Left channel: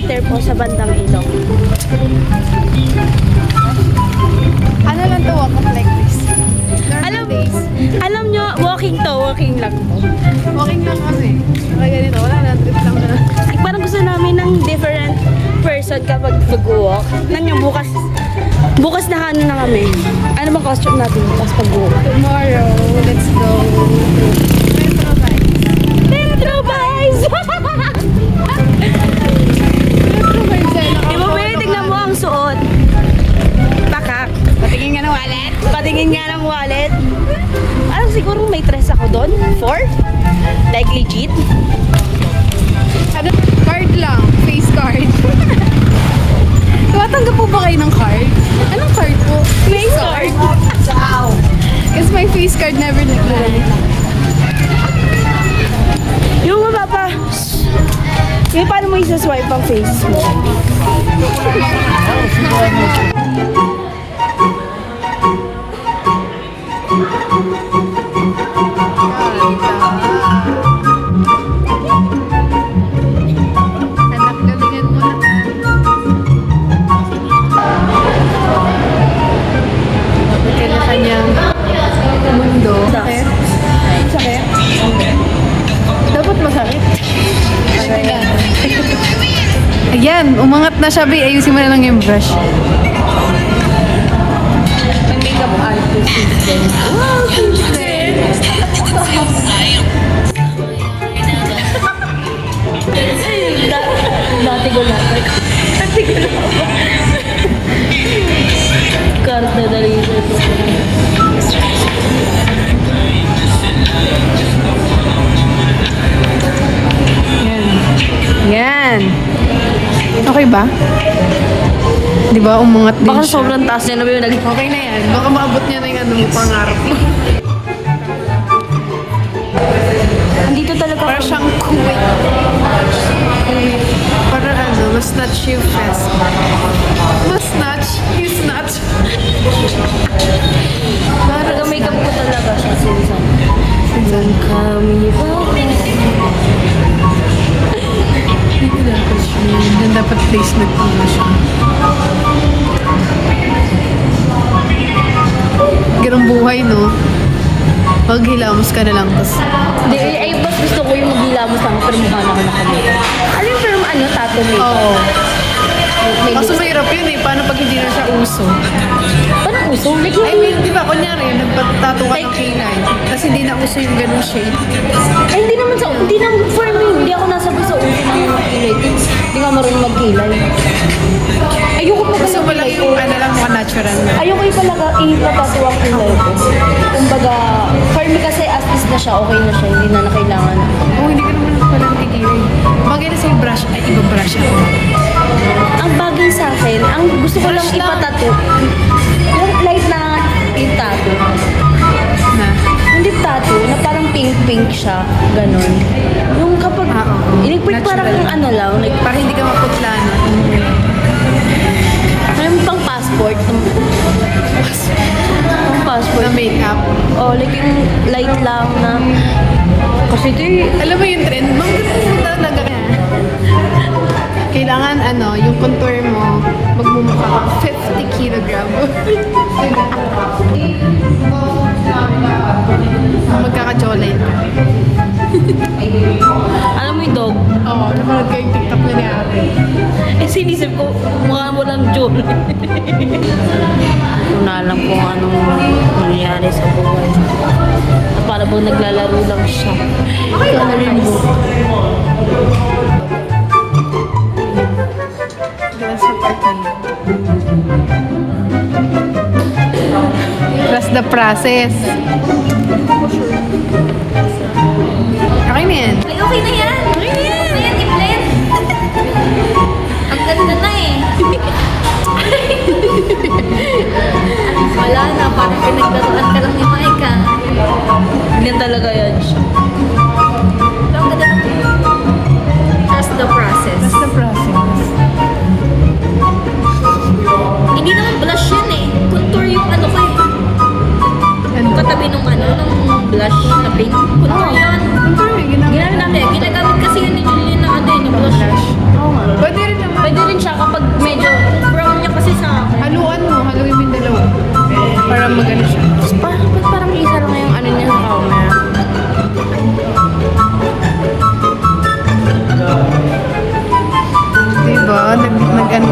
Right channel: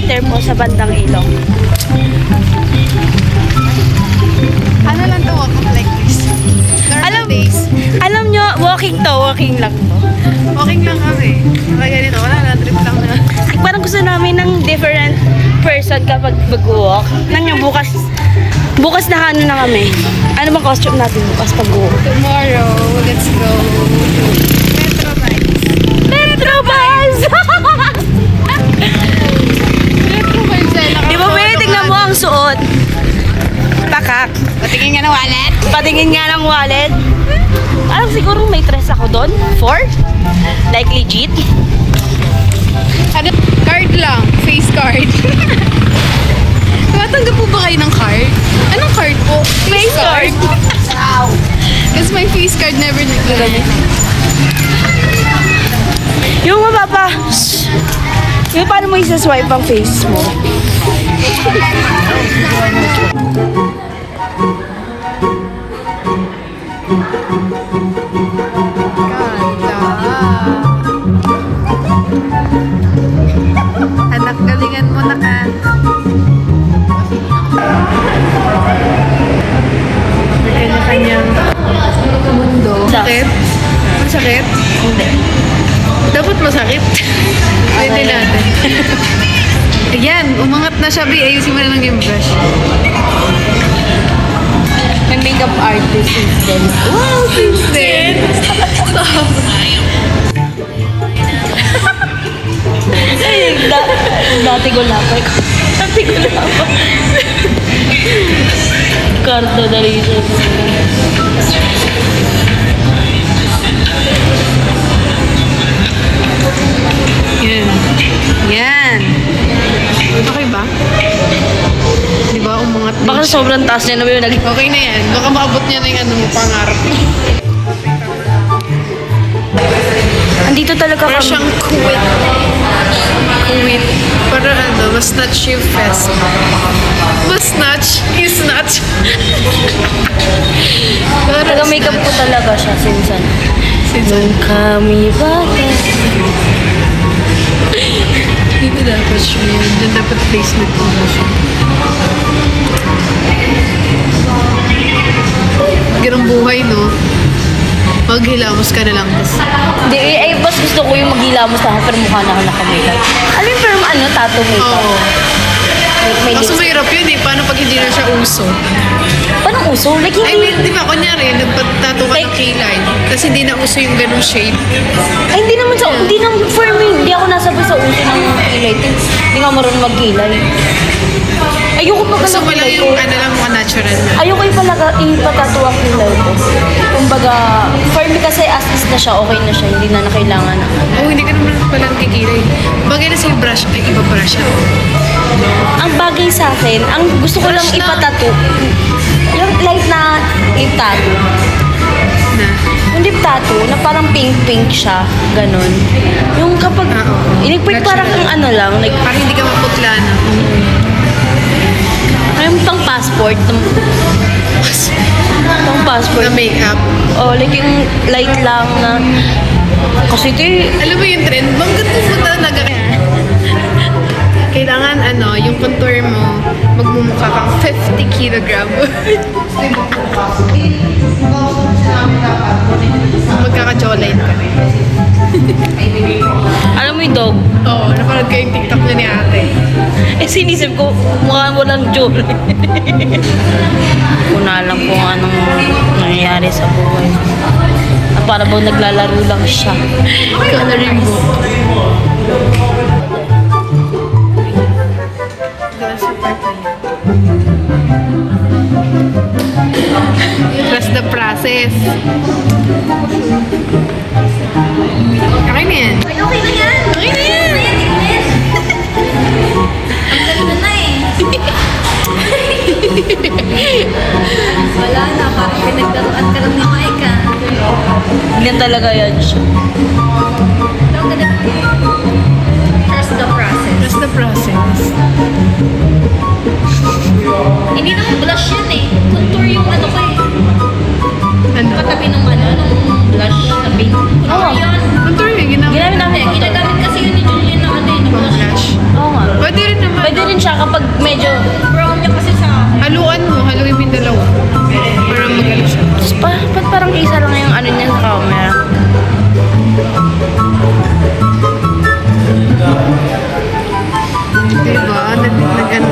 highlighter po sa bandang ilong. Ano lang to, walk up like this? Alam nyo, walking lang to. Walking lang kami. Kaya ganito, wala lang, trip lang na. Parang gusto namin ng different person kapag mag-walk. Nanyo, bukas na ano na kami. Ano bang costume natin bukas pag-walk? Tomorrow, let's go. Metro Bikes. Metro Bus! Metro Bikes ay Di ba, Be? Tignan mo ang suot. Pakak. Patingin nga ng wallet. Patingin nga ng wallet. Parang siguro may 3 ako doon. 4? Like legit. Ano? Card lang. Face card. Tumatanggap po ba kayo ng card? Anong card po? Face card. Kasi my face card never nag-ganit. Yung mapapa... Yung paano mo isa-swipe ang face mo? Anak, galingan mo na ka. May kanya-kanyang mundo. Sakit? Masakit? Hindi. Dapat masakit. Pwede natin. Ayan, umangat na siya, Bi. Ayusin mo na lang yung brush. May makeup artist since then. Wow, since then. Dati gulapay ko. Dati gulapay. Karta na rin siya. Yan. Yan. Okay ba? Di ba, umangat din Baka siya. sobrang taas niya na ba yung nag... Okay na yan. Baka maabot niya na yung ano yung pangarap niya. Andito talaga Para kami. siyang quit. Quit. Para ano, mas-snatch yung fest. Mas-snatch? You snatch? Para Taga-makeup ko talaga siya, sinsan. Sinsan. Kami ba? Dito dapat siya yun. Diyan dapat placement ko na siya. Ganong buhay, no? Maghilamos ka na lang. Hindi, ay mas gusto ko yung maghilamos lang ako pero mukha na ako nakamakeup. Alam mo, pero ano, tattoo makeup. Oo. May Kaso lips. mahirap yun eh. Paano pag hindi na siya uso? Parang uso. Like, I hindi. mean, di ba, kunyari, nagpatato ka ng kilay. Tapos hindi na uso yung ganong shape. Ay, hindi naman for me, hindi ako nasabay sa uso ng kilay. Hindi nga marunong magkilay. Ayoko pa Gusto ng mo lang kilay ko. yung ano lang mga natural na. Ayoko ipatato ang kilay ko. Kumbaga, for me kasi as is na siya, okay na siya. Hindi na kailangan na. Oh, hindi ka naman pala nakikilay. Bagay na sa'yo brush, ay iba brush ako. Ang bagay sa akin, ang gusto ko lang ipatato, yung light na lip tattoo. Na? Yung lip tattoo, na parang pink-pink siya, ganun. Yung kapag, iligpit parang Natural. ano lang, like, Para hindi ka maputla, no? parang pang passport. Pang passport. Na makeup. Oh, like yung light lang na, kasi ito Alam mo yung trend? Bang ganun mo talaga kaya? Kailangan ano, yung contour mo, magmumukha kang 50 kilogram. Magkaka-jawline ka. alam mo yung dog? Oo, napanood ko yung TikTok na ni ate. Eh, sinisip ko, mukha mo lang jewelry. Kung na alam kung anong nangyayari sa buhay. At para bang naglalaro lang siya. Coloring book. Trust the process. Okay na yan. Okay na yan. Okay na yan. Ang ganda na eh. Wala na. Parang pinagdaroan ka lang ni Mike ah. Ganyan talaga yan siya. Trust the process. Trust the process. Hindi naman blush yan eh. Contour yung ano ko eh. Ano? Katabi nung ano, nung blush na paint. Contour yan. Contour yung ginagawa. Ginamit namin Hindi, contour. ginagamit kasi yun ni Julian na ano eh, na blush. Blush. Oo nga. Pwede rin naman Ba't parang isa lang yung ano niya sa camera? Diba? Nag-ano.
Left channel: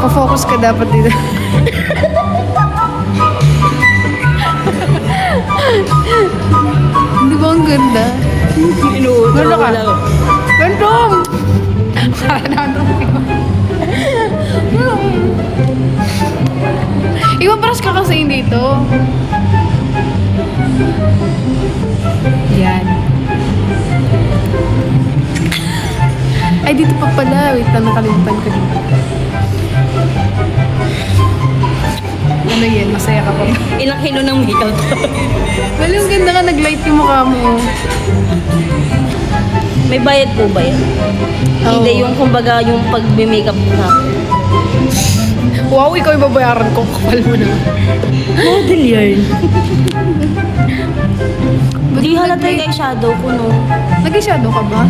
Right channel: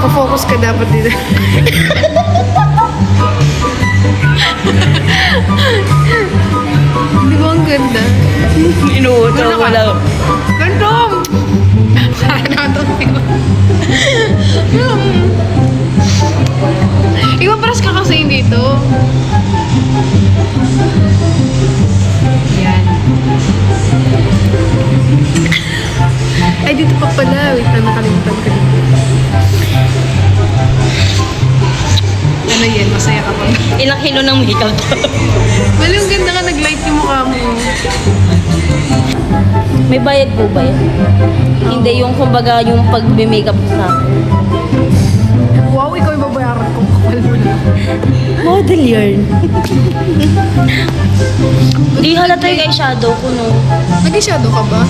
Nag-focus ka dapat dito. Di ba ang ganda? Inuuto ko lang. Ganda! Sana di ba? Ikaw paras ka kasi dito. Yan. Ay, dito pa pala. Wait lang, nakalimutan ko dito. Ano yan? Masaya ka pa. Ilang kilo ng makeup to? Well, yung ganda ka, nag-light yung mukha mo. May bayad po ba yun? Hindi yung kumbaga yung pag-makeup sa akin. Wow, ikaw yung babayaran ko. Kapal mo na. Model yarn. Hindi halata yung eyeshadow ko, no? Nag-shadow ka ba?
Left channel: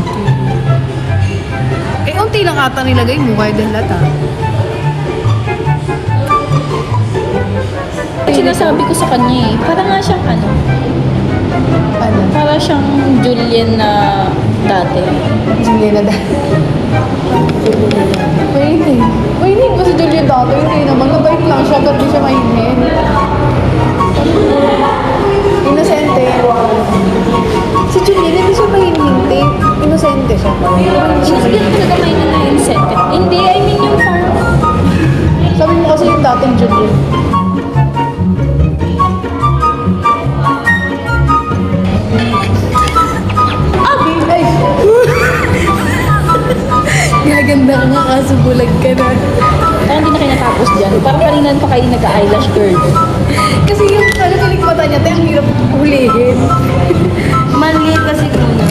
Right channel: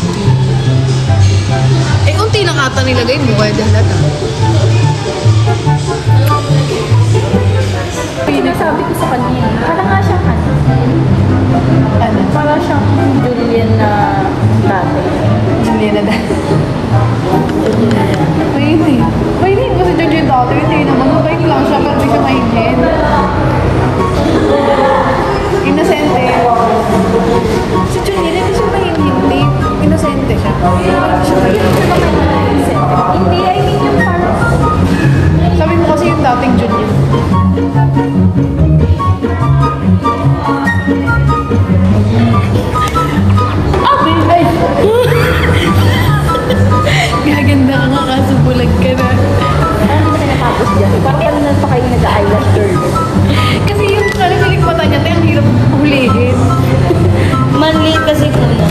Eh, unti lang ata nilagay mo. Bayad na lahat. Sinasabi ko sa kanya eh, para nga siyang ano, Ano? para siyang Julian na dati. Juliana dati. Pwede. Pwede ba si Juliana dati? Hindi naman. Mabait lang siya, pero di siya mainit. Inosente. Si Juliana, hindi siya mainit. Inosente siya. Hindi ko talaga may na-incentive. Hindi, I mean yung parang, Sabi mo kasi yung dating Julian. Abi! Ay! Gaganda ka nga kaso bulag ka na. parang hindi na kayo natapos dyan. Parang kanina pa kayo nag-eyelash girl. Kasi yung kalikalik mata niya, tayo ang hirap hulihin. Maliit kasi muna.